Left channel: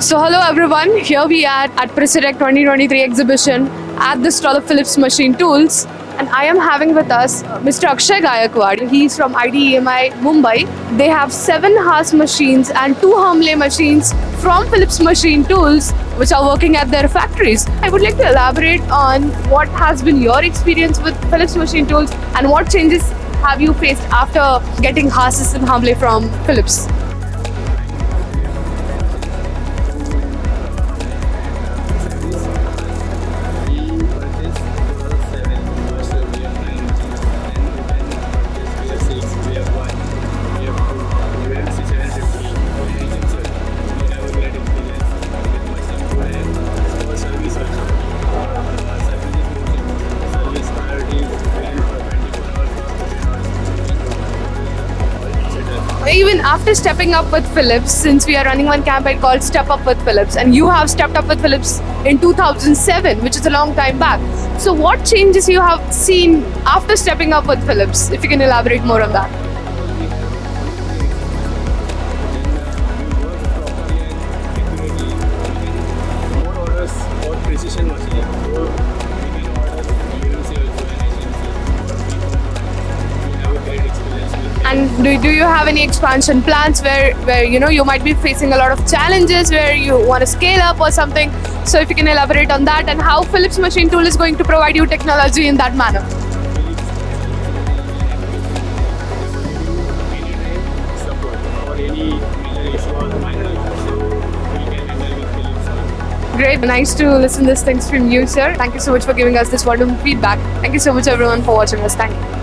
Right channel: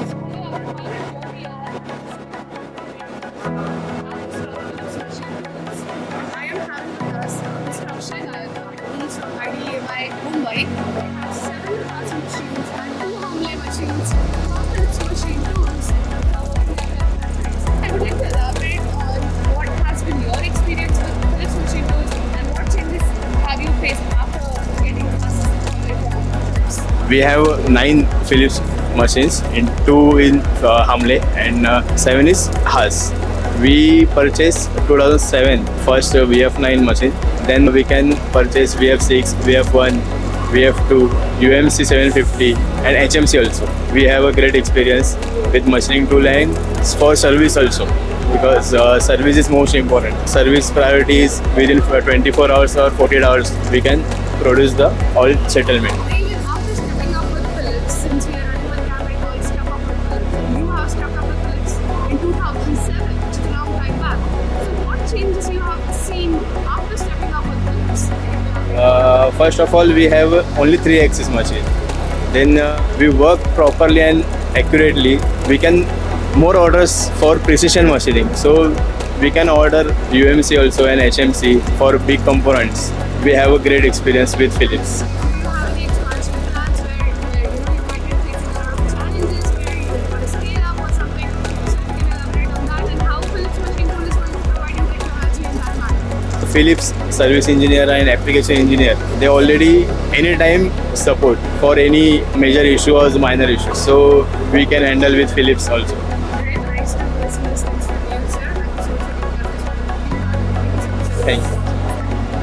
So hello everyone, here we are at Precitech 2023 exhibition at the stall of Phillips Machine Tools, and I am having with us Mr. Akshay Gaikwad. He's from IDEMI Mumbai. They have 7 Haas machines and 2 Hermle machines from Phillips Machine Tools which are working at their factories. I would like to elaborate on what has been your experience with Phillips Machine Tools and what changes have you faced after getting Haas and Hermle from Phillips? We have 9 Phillips machines and 2 in Hermle and 7 is Haas. We purchased 2007 first VF9 machine. Then we can purchase VF6, VF1, VF2, UMC750 and HMC also. We have a great experience with machining tool and for service also, because service is most important. Service priority is within 24 hours or 48 hours we can produce the all settlement. Even after stepping up with Phillips, since we are running one campaign called Step Up with Phillips, and you have stepped up with Phillips in 2007, which is a long time back. So what changes you have seen after stepping up with Phillips? If you can elaborate more on that. First of all, we have only 3 axis machine. Then we work properly and accurately. We can more orders for precision machining. So we can order UMC also and HMC for big components. We have a great experience with Philips. And do you have any expansion plans where you might be facing a lot of challenges where you want to scale up or something? So if you can elaborate on that and how Phillips Machine Tool is going to provide you technology in that manner. Philips service engineer and application engineer, they already anytime support for any major issue or minor issue. So we can handle with Philips also. Great, nice to listen these things from you, sir. Thank you so much for giving us this wonderful feedback. Thank you so much everyone for watching us. Thank you.